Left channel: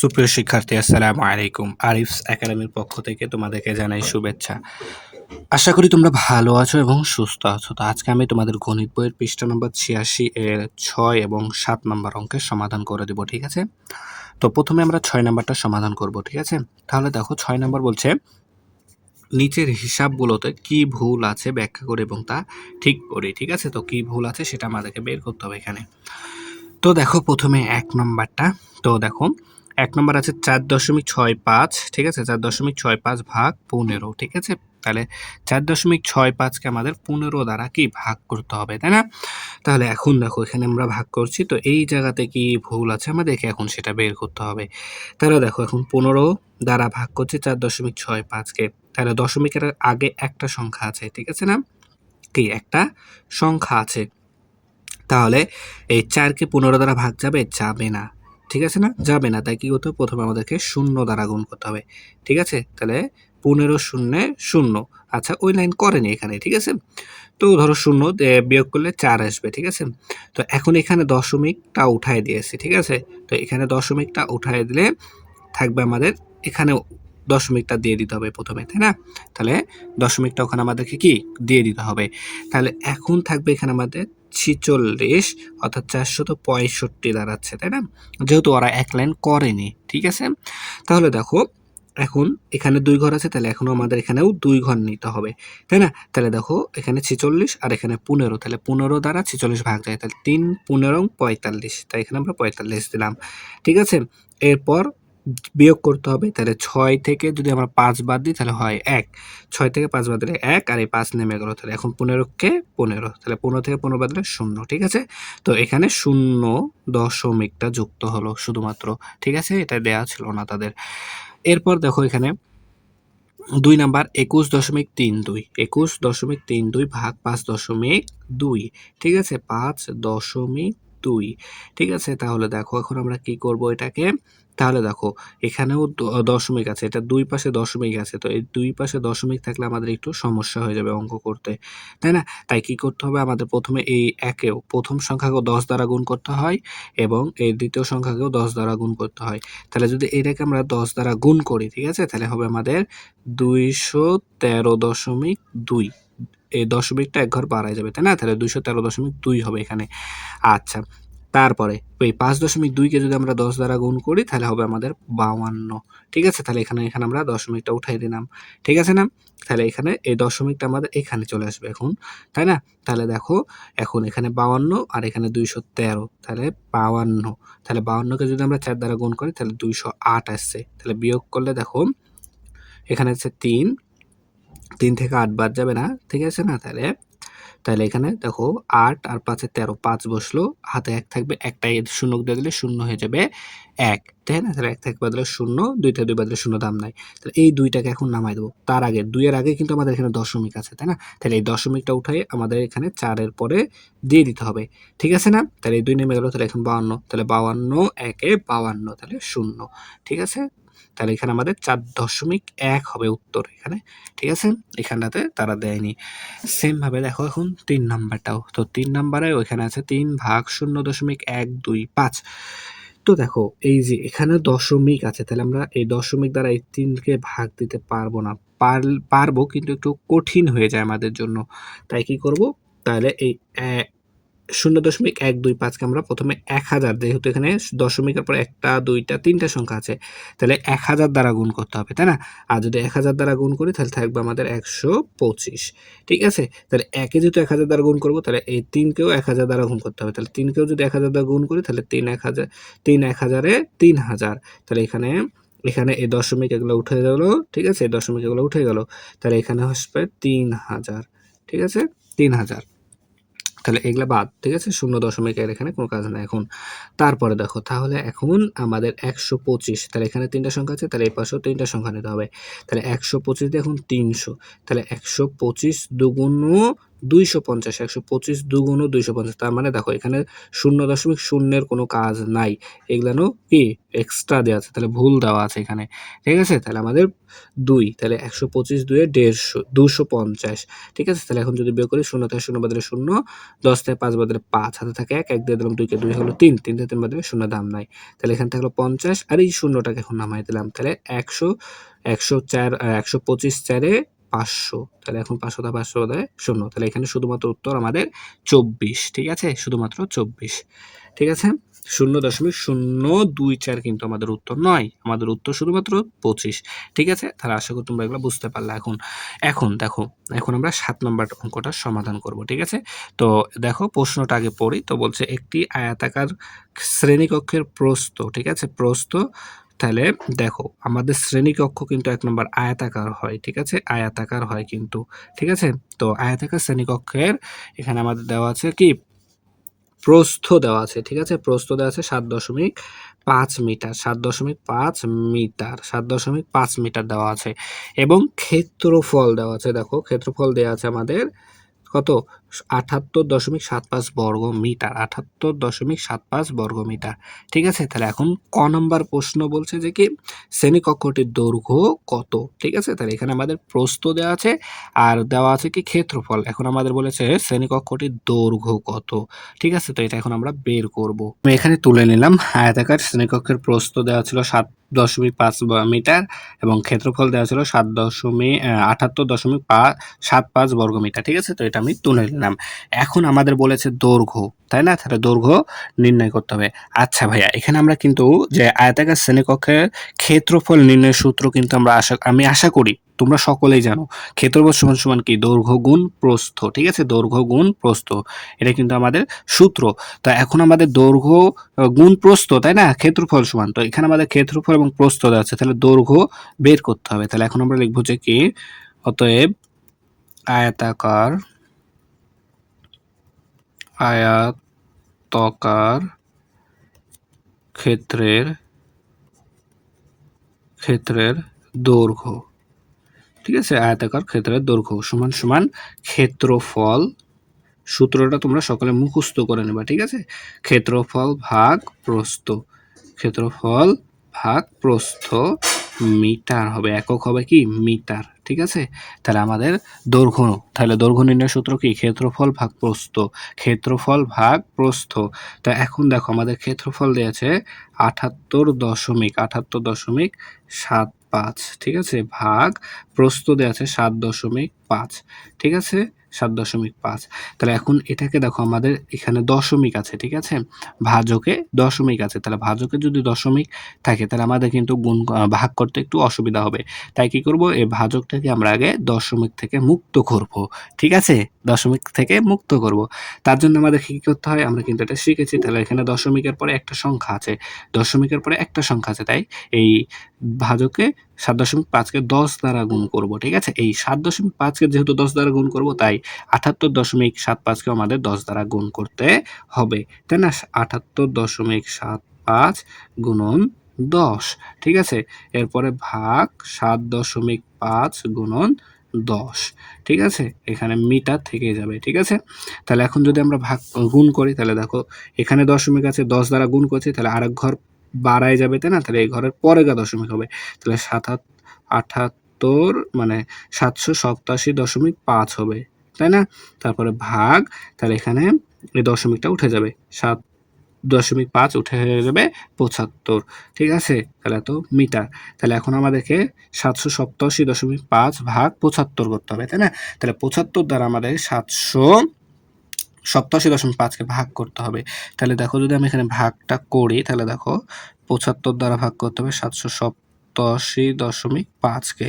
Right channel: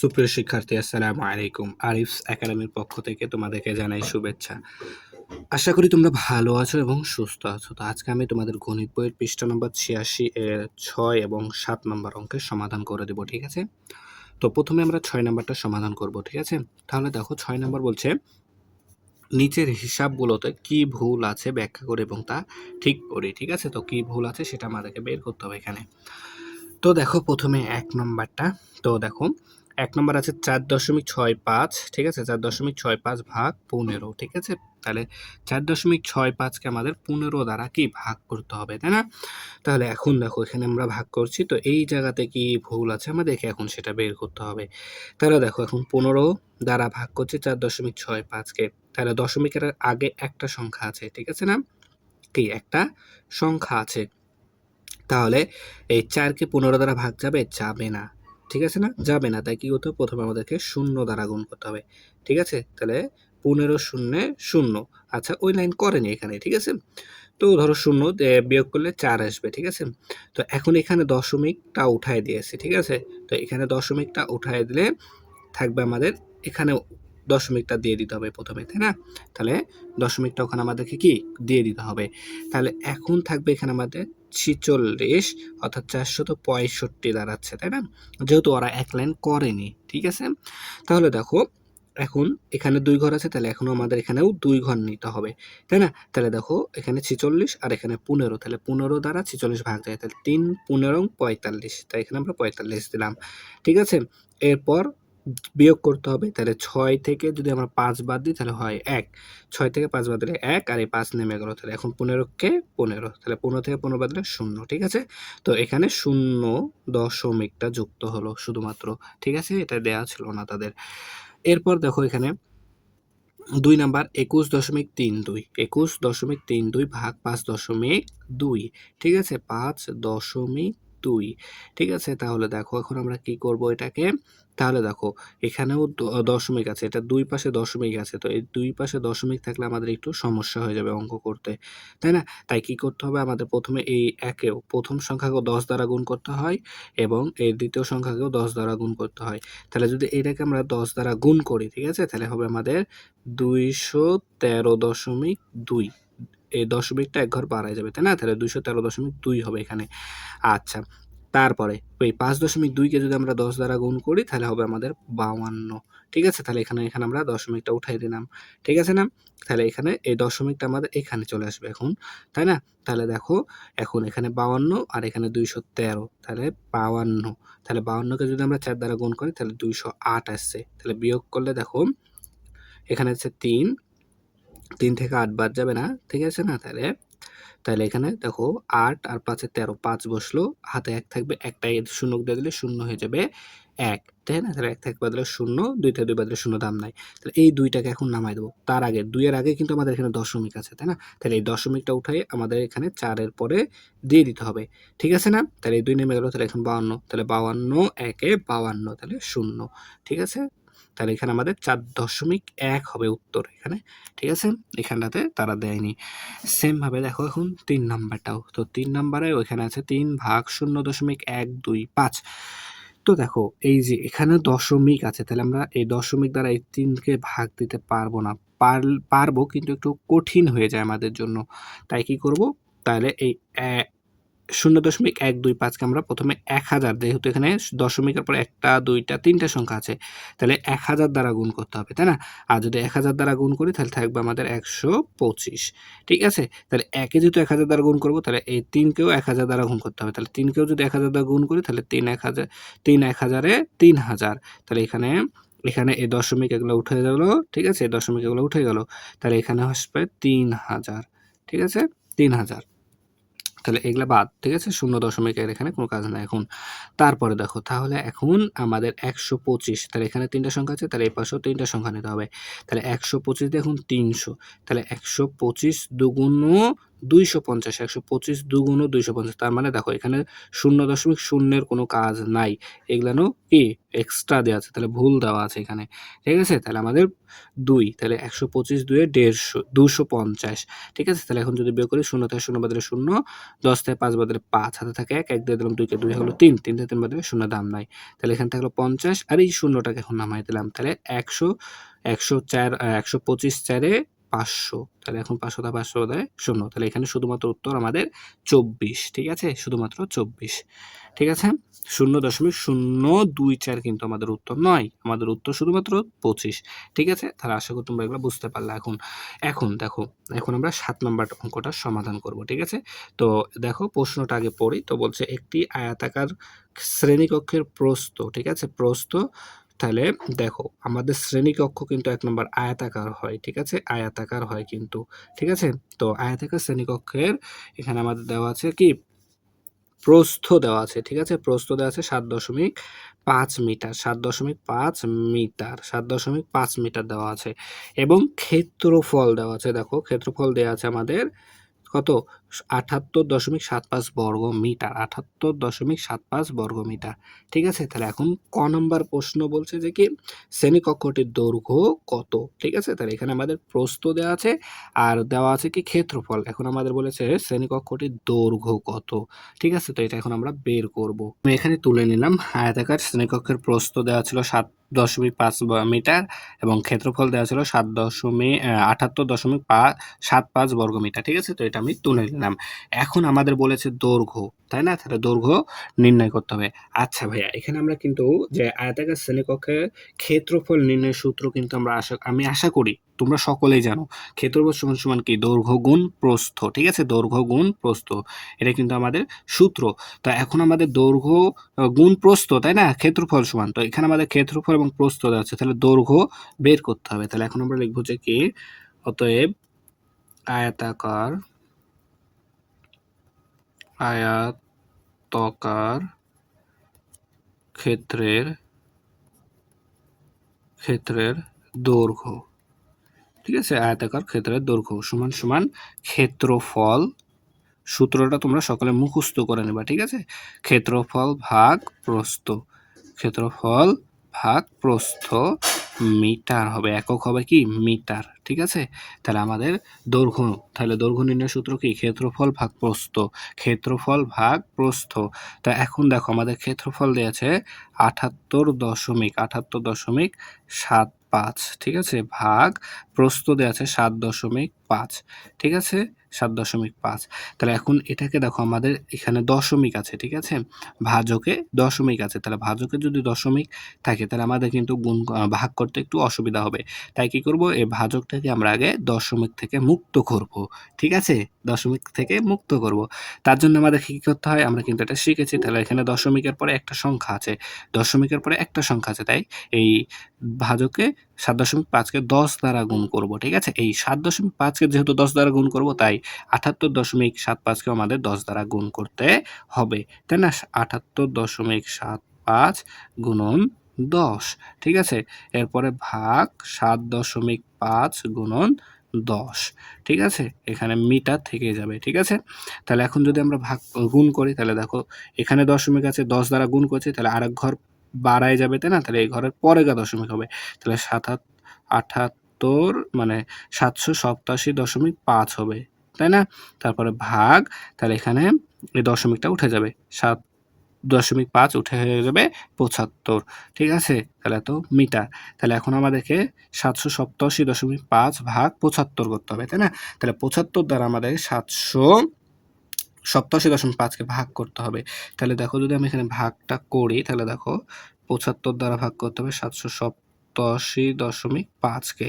সুপ্রিয় শিক্ষার্থী, আসসালামু আলাইকুম। আরিফস একাডেমির পক্ষ থেকে তোমাদেরকে জানাই শুভেচ্ছা। আশা করি তোমরা ভালো আছো এবং সুস্থ আছো। তো আজকে আমি তোমাদের গণিত বইয়ের পৃষ্ঠা নম্বর ৮৬ এর ৬ এবং ৭ নম্বর অঙ্কের সমাধান করে দেব, ঠিক আছে? তো প্রথমে আমরা ৬ নাম্বারটা সমাধান করব, ঠিক আছে? তাহলে দেখো ৬ নাম্বার বলছে, নিচের হিসাবগুলোতে কি ভুল আছে ব্যাখ্যা করে এবং তা ঠিক করি, ঠিক আছে? তো কি ভুল আছে সেটা আমাদেরকে বের করতে হবে এখানে। তো দেখো প্রথমে ১ নাম্বারটা। তো দেখো ১ নাম্বার আছে ৪.65, ঠিক আছে? ৪.65 ভাগ ১৫, ঠিক আছে? তাহলে ৪.65 কে আমাদের ১৫ দ্বারা কি ভাগ করতে হবে, তাই না? তাহলে এখন দেখো এখানে আমরা ভাগ করছি, তো এই জায়গাতে কি ভুল আছে আমাদেরকে এখন সেটা বের করতে হবে। তাহলে দেখো এখন ১৫ দ্বারা ভাগ করছি ৪.65 কে। তাহলে দশমিকের আগে একটা সংখ্যা আছে, ঠিক আছে না? কি একটা সংখ্যা আছে। তাহলে এই ৪ কে ১৫ দ্বারা ভাগ যাবে? যাবে না। ঠিক আছে না? যাবে না। তাই কি করতে হবে? প্রথমে আমাদেরকে ০ দ্বারা গুণ করতে হবে। ঠিক আছে? তাহলে ১৫ শূন্যে ০। আচ্ছা, ওই লাইন করেনি এখানে। ঠিক আছে? তো ধরো ০ বিয়োগ করলে ৪ আসবে। ঠিক আছে? তো এখন এখানে দশমিকটা উঠায় দিয়েছি। ঠিক আছে? তো এখানে দশমিকটা উঠায় দিলে থাকবে আমাদের এখানেও দশমিকটা দিয়ে দিতে হবে প্রথমে, তাই না? তাহলে দশমিকটা ওখানে আমাদেরকে কি দিয়ে দিতে হবে। তাহলে এখন থাকবে এখানে আমাদের ৪৬, অর্থাৎ ৪৬৫ দাঁড়াচ্ছে, তাই না? যেহেতু ওরা এক লাইন করেনি, ঠিক আছে? তাহলে দেখো এখন এখানে ২ ঘর আছে, তাহলে এখনো আমাদের এখানেও ২ ঘর নিতে হবে, তাই না? তাহলে দেখো এখানে ৪৬ আর এখানে ১৫, তাহলে ১৫ দ্বারা ৪৬ ভাগ যায়, তাহলে ৩ ১৫ ৪৫, তাই এখানে আমরা ৪৫ দিলাম, ঠিক আছে? এরপর বিয়োগ করতে হবে, তাহলে ৬ থেকে যদি আমরা ৫ বাদ দিই তাহলে হয় ১, ৬ থেকে ৫ বাদ দিলে ১ আর এই ৫ নেমে গেল, তাহলে এখন ১৫ কে ১৫, তাহলে ১৫ থেকে ১৫ বাদ দিলে ০, ঠিক আছে? তো এখানে ০ দশমিকটা যুক্ত হলো শুধুমাত্র, ঠিক আছে? এটা দেয়া ছিল না তাদের। এরপর দেখো এখানে ২ নাম্বার ২১.৩২, ২১.৩২ ভাগ ৫.২, ঠিক আছে? ৫.২, ঠিক আছে? তাহলে দেখো এখন আমরা কি করব এটাকে? তাহলে দেখো এখানেও দশমিক আছে, এটা ২ পাশে দশমিক আছে। তো এই ২ পাশে দশমিক থাকলে আমাদের একটু সমস্যা হয়ে যাবে অঙ্ক করতে, তাই না? তাই কি করতে হবে? আমাদের প্রথমে এই একেও প্রথম সংখ্যাকেও ১০ দ্বারা গুণ করতে হয় এবং এই দ্বিতীয় সংখ্যাকেও ১০ দ্বারা গুণ করতে হয়। তাহলে যদি এটাকে আমরা ১০ দ্বারা গুণ করি, ঠিক আছে? তাহলে হবে আমাদের ২১৩.২, এই দশমিকটা এক ঘর বাড়ায় যাবে, তাই না? তাহলে ২১৩.২ হবে এখানে। আচ্ছা, তারপরে ওই ৫.২ কে যদি আমরা ১০ দ্বারা গুণ করি তাহলে হবে আমাদের ৫২, ঠিক আছে? তাহলে এখানে আমরা দশমিকটা উঠাই দিলাম, ঠিক আছে না? তাহলে এখানে এই দশমিকটা আমাদের এখানে চলে আসবে এখন, তাই না? তাহলে দেখো এখন এখানে ৫২ আর এখানে ২১৩, তাহলে ৫২, তাহলে ৫২ কে যদি আমরা ৪ দ্বারা গুণ করি তাহলে ২০৮ আসছে। তাহলে বিয়োগ করলে দেখো এখানে হচ্ছে ৩, ৩ থেকে ৮ বাদ যাবে না, ঠিক আছে না? তাহলে এখানে দেখো ৮ আর ৫ এ ১৩, ৫ বসলো, হাতে ১ থাকবে, একটাই শূন্য দিয়ে দিলে শূন্য হয়ে যাবে ১, তাই না? তাহলে ১ থেকে বাদ দিলে ০, ২ থেকে ২ বাদ দিলে ০, দাম নাই। তাহলে এই ২ টাকে এখন নামায় দেবো। তার আগে ২ এর আগে কিন্তু আমাদের এখানে দশমিক আছে, তাই না? তাহলে এই দশমিকটা উঠাই আমাদের এখানে ৪ এর পরে দিয়ে দিতে হবে, ঠিক আছে না? তাহলে এই ২ নেমে গেল, তাহলে এখন ৫২, তাহলে ৫২ একে ৫২, তাহলে ০, ঠিক আছে? তাহলে এখানে আমাদের ৪.১ হবে উত্তর এখানে, ঠিক আছে? এখানটাতে তারা দেয়নি। সেম ভাবে দেখো এখন ৩ নাম্বারটাও। তো ৩ নাম্বারে ওইখানে আছে ৩ ভাগ ০.১২৫। তো দেখো এই যে এখানে দশমিক আছে, তাহলে আমরা এই দশমিক দ্বারা এই ৩ কে ভাগ দিতে পারবো না। পারবো কিন্তু একটু কঠিন হয়ে যায় আমাদের জন্য। তাই কি করব? তাহলে এই ০.১২৫ কে আমরা প্রথমে ১০০০, যেহেতু এখানে দশমিকের পর ১টা, ২টা, ৩টা সংখ্যা আছে, তাহলে ১০০০ দ্বারা গুণ করতে হবে, তাই না? আর যদি ১০০০ দ্বারা গুণ করি তাহলে থাকবে আমাদের ১২৫, ঠিক আছে? তাহলে ১ এ যেহেতু ১০০০ দ্বারা গুণ করব, তাহলে এই ৩ কেও ১০০০ দ্বারা গুণ করতে হবে। তাহলে ৩ কেও যদি ১০০০ দ্বারা গুণ করি তাহলে ৩ ১০০০, ৩ ১০০০ এ ৩০০০। তাহলে এখানে এই দশমিক এগুলো উঠে গেল, ঠিক আছে? এই দশমিক এগুলো উঠে গেল। তাহলে এখানে আসবে ৩০০০, ঠিক আছে? ৩০০০। তাহলে এগুলা বাদ, ঠিক আছে? ০ এর এখানে কোনো কাজ নাই এখন। তারপরে দেখো তাহলে এখন আমাদের ১২৫, তাহলে এখানে ৩টা সংখ্যা আছে, তাহলে এই পাশেও ৩টা সংখ্যা নিতে হবে। তাহলে ১২৫ দিয়ে এখন ৩০০, তাহলে ১২৫ দুগুণ 250, 125 দুগুণ 250, তার মানে দেখো এখানে 0.0 কোনো কাজ নাই, এগুলানো কি এক্সট্রা দেওয়া আছে, তাহলে ভুল দেওয়া আছে এখানে, ঠিক আছে। তাহলে আমাদের 2, তাহলে 125 2 এ 150, 250, ঠিক আছে। তাহলে এখন যদি বের করি, 0 থেকে 0 বাদলে 0, 10 থেকে 5 বাদলে 5, হাতে থাকে 1, 1 দিয়ে দিলাম 2 কে, 2 হলো 3, 3 থেকে 3 বাদলে 0 দাম নাই, তাহলে এখান থেকে হলো 50, আর এই শূন্যটাকে এখন নামাই দিলাম, তাহলে 100, 104, 125 4 এ 500, তাহলে এখন 500 দা 500 বাদে 0, তাহলে এখানে শুধুমাত্র উত্তর আমাদের 24, ঠিক আছে, শুধুমাত্র 24, ঠিক আছে। 0.024 কিন্তু আমাদের উত্তর নয়, আমাদের উত্তর শুধুমাত্র 25, ঠিক আছে। তাহলে আশা করি তোমরা এগুলো বুঝতে পারলে। এখন এখন দেখো, এখন আমরা 7 নম্বর অঙ্কটা সমাধান করব, ঠিক আছে। তো দেখো প্রশ্নটা আগে পড়ি। তো বলছে একটি আয়তাকার শ্রেণীকক্ষের প্রস্থ, ঠিক আছে, প্রস্থ, তাহলে দেখো আমাদের শ্রেণীকক্ষ কিন্তু 1 নম্বর আয়তাকার হয়, ঠিক আছে, আয়তাকার হয় কিন্তু, ঠিক আছে। তো আয়তাকার শ্রেণীকক্ষের এখানে আমাদের দেওয়া আছে কি প্রস্থ দেওয়া আছে, ঠিক আছে, প্রস্থ দেওয়া আছে 7.5 মিটার, 7.5 মিটার, 7.5 মিটার দেওয়া আছে, এবং ক্ষেত্রফল দেওয়া আছে, দেখো ক্ষেত্রফল দেওয়া আছে আমাদের কত, 78.75 বর্গ মিটার, 78.75 বর্গ মিটার, ঠিক আছে। তাহলে এখন ক নম্বর প্রশ্ন বলছে যে কি শ্রেণীকক্ষটির দৈর্ঘ্য কত, ঠিক আছে। তাহলে এখানে আমাদের প্রস্থ দেওয়া আছে আর দেওয়া আছে কি ক্ষেত্রফল, এখন আমাদের বলেছে শ্রেণীকক্ষটির দৈর্ঘ্য কত, ঠিক আছে। তো এটা এখন আমরা বের করব। আমি এখানে তুলে নিলাম আয়তাকার শ্রেণীকক্ষের প্রস্থ দেওয়া ছিল 7.5 মিটার এবং ক্ষেত্রফল দেওয়া ছিল 78.75 বর্গ মিটার, ঠিক আছে। তো এটা আমি তুলে নিলাম। এখন আমাদের বলেছে দৈর্ঘ্য, তাই না, তাহলে দৈর্ঘ্য নির্ণয় করতে হবে। আচ্ছা ভাইয়া, এখানে আমরা কিন্তু যে আয়তাকার শ্রেণীকক্ষের ক্ষেত্রফল নির্ণয়ের সূত্র কিন্তু আমি আশা করি তোমরা সকলেই জানো, ক্ষেত্রফল সমান সমান কি দৈর্ঘ্য গুণ প্রস্থ, ঠিক আছে, দৈর্ঘ্য গুণ প্রস্থ, এটা কিন্তু আমাদের সূত্র। তো এখন আমাদের দৈর্ঘ্য গুণ প্রস্থ, তাই না, ক্ষেত্রফল সমান, তো এখানে আমাদের ক্ষেত্রফল এবং প্রস্থ দেওয়া আছে, তাহলে দৈর্ঘ্য বের করতে হবে। তাহলে এখন আমরা লিখবো যে কি, অতএব আয়তাকার আয়তাকার ক্ষেত্রের দৈর্ঘ্য, ঠিক আছে, আয়তাকার ক্ষেত্রের দৈর্ঘ্য সমান সমান ক্ষেত্রফল, সূত্রটা তোমরা সকলে মুখস্থ করে নেবা, ঠিক আছে, ক্ষেত্রফল ভাগ প্রস্থ, ক্ষেত্রফল ভাগ প্রস্থ মিটার হবে, একক হবে কি মিটার, ঠিক আছে। তাহলে আমাদের দৈর্ঘ্য, তাহলে দৈর্ঘ্য নির্ণয় সূত্র কি ক্ষেত্রফল ভাগ প্রস্থ, ক্ষেত্রফল ভাগ প্রস্থ। তো এখন দেখো আমাদের ক্ষেত্রফল দিয়েছে 78.75, ঠিক আছে, ভাগ প্রস্থ দেওয়া আছে 7.5, ঠিক আছে, 7.5। তাহলে এখন এটাকে দেখো আমাদের এখানে দশমিক আছে, ঠিক আছে, ভাজকে দশমিক আছে, তাহলে ভাজকে যদি দশমিক থাকে তাহলে আমাদের কিন্তু ভাগ করতে একটু অসুবিধা হবে, তাই কি করব, এই ভাজকটাকে আমরা আগে দশমিক থেকে মুক্ত করব, ঠিক আছে, দশমিক থেকে মুক্ত করব। তার জন্য আমাদের কি করতে হয়, আমরা কিন্তু এটা শিখেছি। তাহলে এখানে দশমিকের পরে একটা সংখ্যা আছে, দশমিকের পরে একটা সংখ্যা আছে, তাই এই ভাজকে 7.5কে 10 দ্বারা গুণ করব, ঠিক আছে, এই 7.5কে যেহেতু 10 দ্বারা গুণ করব, তাই 78.75কে আমাদের 10 দ্বারা গুণ করতে হবে, তাই না, 78.75 গুণন 10, ঠিক আছে, এরপরে ভাগ 7.5 গুণন 10, ঠিক আছে, এখানে মিটার থেকে যাবে, ঠিক আছে। তাহলে এখন যদি আমরা গুণ করি, তাহলে দেখো এখানে দশমিক আছে, 10 দ্বারা গুণ করছি, তাহলে আরেক ঘর বাড়ায় যাবে, তাই না, তাহলে এই ঘরের পরে দশমিক হবে, তাহলে 78 মানে 787.5 হবে, তাই না, তারপরে ভাগ, তাহলে এখানে এই দশমিকটা উঠে যাবে, 7.5 উঠে হয়ে যাবে 75, ঠিক আছে, তাহলে তো মিটার। তাহলে এখন আমাদেরকে 787.5 ভাগ 75 করতে হবে, তাই না, তাহলে 75 দ্বারা আমাদের 787.5কে ভাগ করতে হবে। তাহলে দেখো যদি আমি এখানে ভাগটা করি, তাহলে দেখো 75 দ্বারা ভাগ করতে হবে 787.5কে,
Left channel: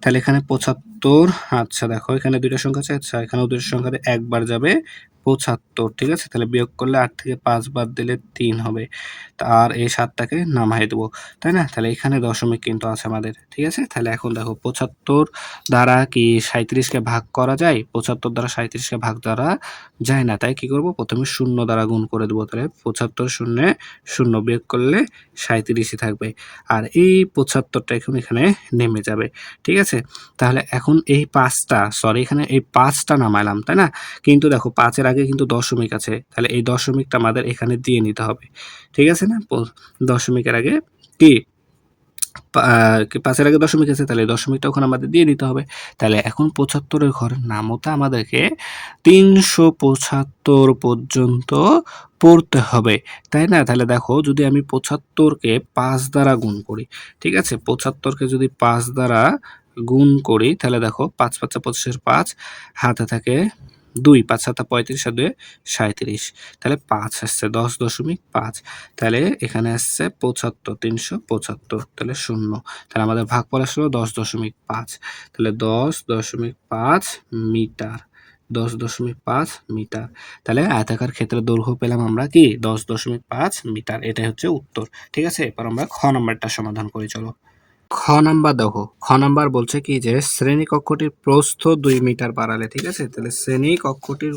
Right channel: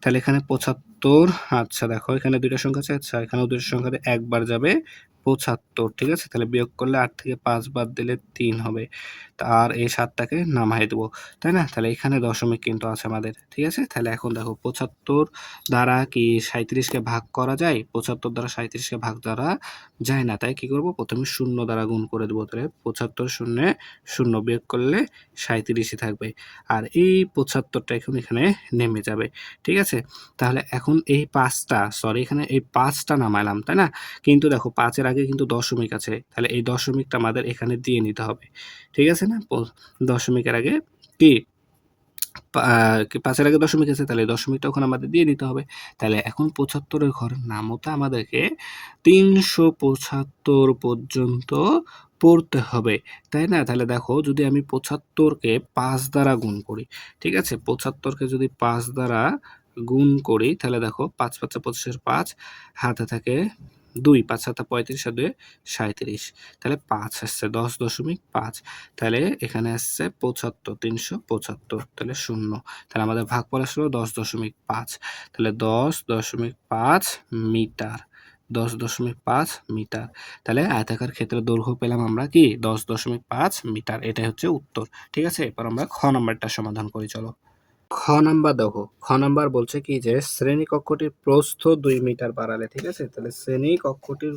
তাহলে এখানে 75, আচ্ছা দেখো এখানে দুইটা সংখ্যা আছে, আচ্ছা এখানেও দুইটা সংখ্যা একবার যাবে 75, ঠিক আছে? তাহলে বিয়োগ করলে 8 থেকে 5 বাদ দিলে 3 হবে। আর এই 7 টাকে নামায় দেবো, তাই না? তাহলে এখানে দশমিক কিন্তু আছে আমাদের, ঠিক আছে? তাহলে এখন দেখো 75 দ্বারা কি 37 কে ভাগ করা যায়? 75 দ্বারা 37 কে ভাগ দ্বারা যায় না। তাই কি করব? প্রথমে 0 দ্বারা গুণ করে দেবো। তাহলে 75 শূন্যে 0 বিয়োগ করলে 37ই থাকবে। আর এই 75 টা এখন এখানে নেমে যাবে, ঠিক আছে? তাহলে এখন এই 5 টা সরি এখানে এই 5 টা নামাইলাম, তাই না? কিন্তু দেখো 5 এর আগে কিন্তু দশমিক আছে। তাহলে এই দশমিকটা আমাদের এখানে দিয়ে নিতে হবে, ঠিক আছে না? দশমিকের আগে কি 5 এর আগে দশমিক আছে, তাহলে দশমিকটা ওখানে আমাদের দিয়ে দিতে হবে। তাহলে এখন 75 এর ঘরের নামতা আমাদেরকে 375 পর্যন্ত পড়তে হবে, তাই না? তাহলে দেখো যদি আমি 75 কে 5 দ্বারা গুণ করি, ঠিক আছে? 75 কে যদি 5 দ্বারা গুণ করি তাহলে দেখো 5 5 25 এর 5 হাতে থাকে 2, 5 7 35 আর 2 37, তাহলে 5 আসছে 10.5, তাহলে এখানে আসছে 75 375, তাহলে 0, তাহলে আমাদের ভাগফল আসলো 10.5, তাহলে 10.5 মিটার, 10.5 মিটার। তাহলে আয়তাকার ক্ষেত্রের দৈর্ঘ্য পেলাম আমরা কি 10.5 মিটার। এটাই হচ্ছে উত্তর, ঠিক আছে? এবার আমরা খ নাম্বারটা সমাধান করি, চলো। খ নাম্বার দেখো, খ নাম্বার বলছে কি যে শ্রেণীকক্ষটির প্রস্থ 2 মিটার বাড়ালে, ঠিক আছে? তাহলে শ্রেণীকক্ষটির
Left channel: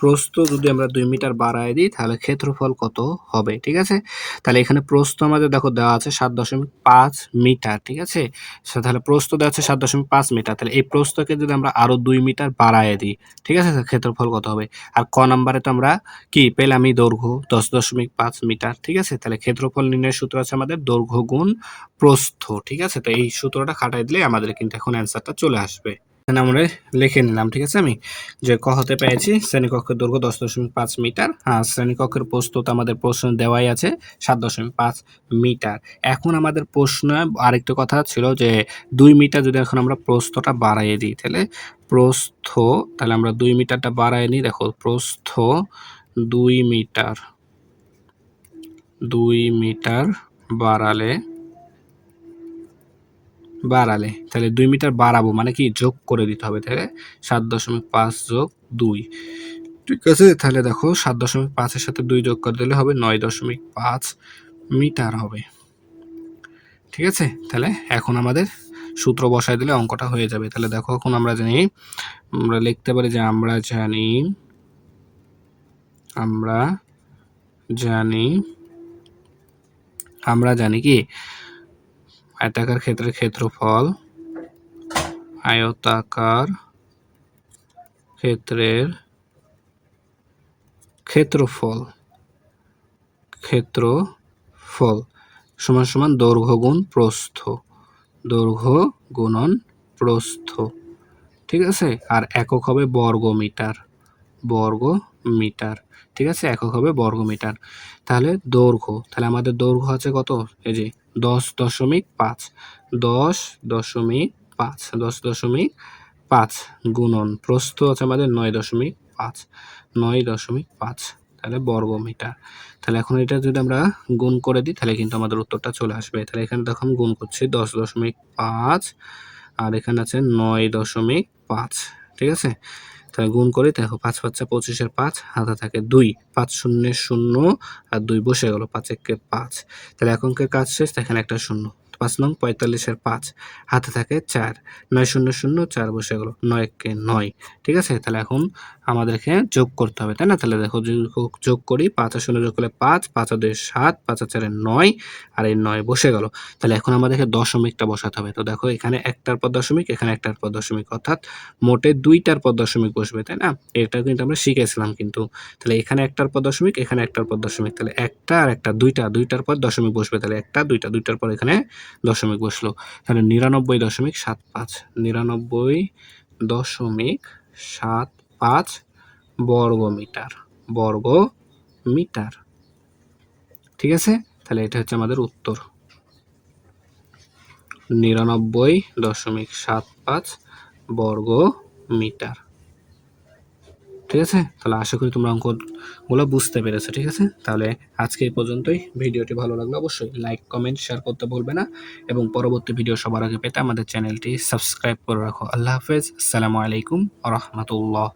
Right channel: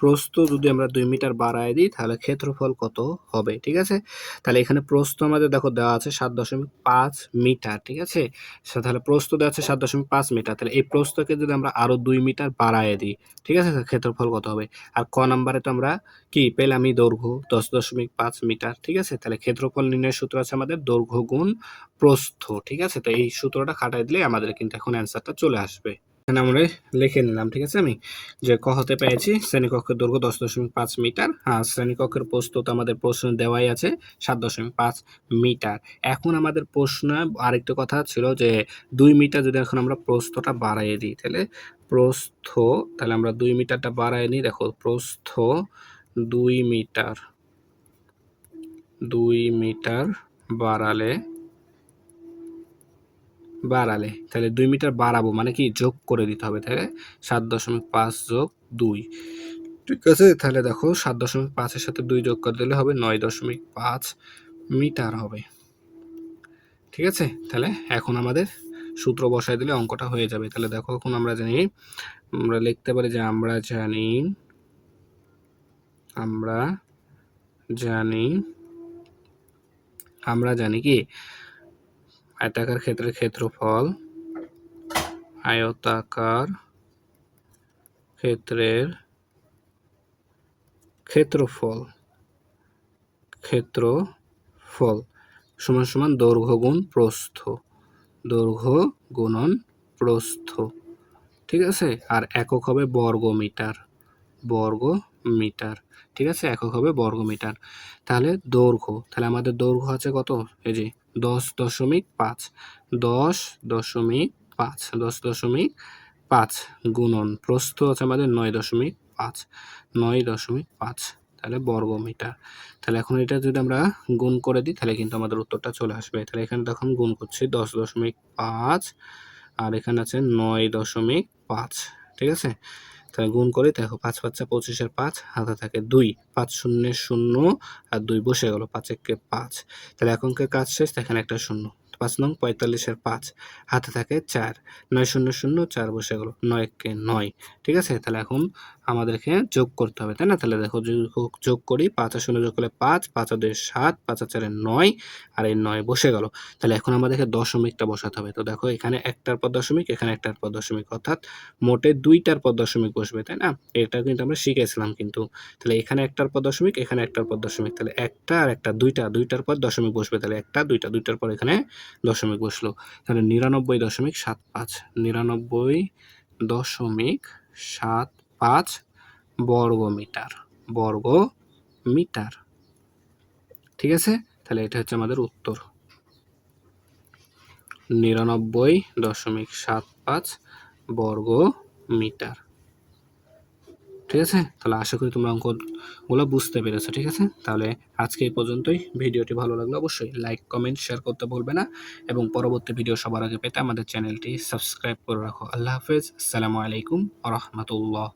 প্রস্থ যদি আমরা 2 মিটার বাড়ায় দিই তাহলে ক্ষেত্রফল কত হবে, ঠিক আছে? তাহলে এখানে প্রস্থ আমাদের দেখো দেওয়া আছে 7.5 মিটার, ঠিক আছে? তাহলে প্রস্থ দেওয়া আছে 7.5 মিটার, তাহলে এই প্রস্থকে যদি আমরা আরো 2 মিটার বাড়ায় দিই, ঠিক আছে? তাহলে ক্ষেত্রফল কত হবে? আর ক নাম্বারে তো আমরা কি পেলামই দৈর্ঘ্য 10.5 মিটার, ঠিক আছে? তাহলে ক্ষেত্রফল নির্ণয়ের সূত্র আছে আমাদের দৈর্ঘ্য গুণ প্রস্থ, ঠিক আছে? তো এই সূত্রটা খাটাই দিলে আমাদের কিন্তু এখন অ্যান্সারটা চলে আসবে। এখানে আমরা লিখে নিলাম, ঠিক আছে? আমি যে ক হতে পেয়েছি শ্রেণীকক্ষের দৈর্ঘ্য 10.5 মিটার, আর শ্রেণীকক্ষের প্রস্থ তো আমাদের প্রশ্ন দেওয়াই আছে 7.5 মিটার। এখন আমাদের প্রশ্নে আরেকটা কথা ছিল যে 2 মিটার যদি এখন আমরা প্রস্থটা বাড়াইয়ে দিই তাহলে তাহলে আমরা 2 মিটারটা বাড়ায় নিই। দেখো প্রস্থ 2 মিটার, 2 মিটার বাড়ালে তাহলে 2 মিটার বাড়াবো মানে কি যোগ করে দিতে হবে, তাহলে 7.5 যোগ 2, ঠিক আছে? তাহলে দেখো 7.5 এর সাথে 2 যোগ করে দিলে হবে 9.5 মিটার হবে, ঠিক আছে? তাহলে এখন আমাদের সূত্র বসায় দিলে অঙ্কটা হয়ে যাবে। তাহলে দেখো এখন আমরা লিখতে পারি যে আমরা জানি কি আয়তাকার ক্ষেত্রের ক্ষেত্রফল, আয়তাকার ক্ষেত্রের ক্ষেত্রফল সমান সমান দৈর্ঘ্য গুণ প্রস্থ, দৈর্ঘ্য গুণন প্রস্থ, ঠিক আছে? আর একক হবে বর্গ মিটার, ঠিক আছে? একক হবে বর্গ মিটার। তাহলে দৈর্ঘ্য, তাহলে আমাদের দৈর্ঘ্য আছে কত? এই যে 10.5, 10.5 গুণন প্রস্থ আছে আমাদের 9.5, তাহলে বর্গ মিটার। তাহলে এখন এটা যদি আমরা গুণ করে দিই তাহলে কিন্তু আমাদের উত্তরটা চলে আসবে। তাহলে এখানে দেখো আমি গুণ করছি 10.5 আর এখানে আছে 9.5, ঠিক আছে? তাহলে গুণ করি, দেখো 5 5 25 এর 5 হাতে থাকে 2, 5 শূন্য 0 আর 2 বসে গেল, 5 একে 5, তাহলে এখনকার কাজ শেষ, এখানে একটা শূন্য, 5 নং 45 এর 5 হাতে থাকে 4, 9 0 0 4 বসে গেল, 9 একে 9, ঠিক আছে? তাহলে এখন আমাদেরকে যোগ করতে হবে, তাই না? তাহলে দেখো যোগ করি, 5 আর 0 যোগ করলে 5, 5 আর 2 7, 5 আর 4 9 আর এই 9 বসে গেল। তাহলে এখন আমাদেরকে দশমিকটা বসাতে হবে। তো দেখো এখানে একটার পর দশমিক, এখানে একটার পর দশমিক, অর্থাৎ মোটে 2টার পর দশমিক বসবে, তাই না? এটা কিন্তু আমরা শিখেছিলাম কিন্তু। তাহলে এখানে একটার পর দশমিক, এখানে একটার পর দশমিক, তাহলে একটা আর একটা 2টার পর দশমিক বসবে, তাহলে একটা 2টার পর এখানে দশমিক বসলো। তাহলে 99.75, 99.75 বর্গ মিটার, ঠিক আছে? তাহলে এটা হচ্ছে আমাদের উত্তর, 99.75 বর্গ মিটার, ঠিক আছে? তাহলে আশা করি তোমরা অঙ্কগুলো বুঝতে পেরেছো, ঠিক আছে? তাহলে আজকে এই পর্যন্তই। ভিডিওটি ভালো লাগলে অবশ্যই লাইক, কমেন্ট, শেয়ার করতে ভুলবে না এবং পরবর্তী ভিডিও সবার আগে পেতে আমাদের চ্যানেলটি সাবস্ক্রাইব করে রাখো। আল্লাহ হাফেজ, আসসালামু আলাইকুম ওয়া রাহমাতুল্লাহ।